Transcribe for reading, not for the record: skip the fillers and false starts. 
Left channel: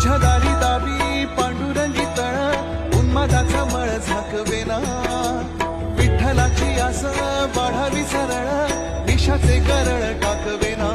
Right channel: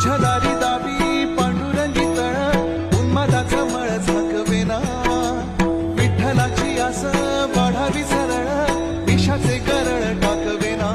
तुझ्या दारी दाबी पांडुरंगी तळ उन्मादाचा मळ झाकवेना विठ्ठलाची आस वाढावी सरळ विषाचे करळ टाकवेना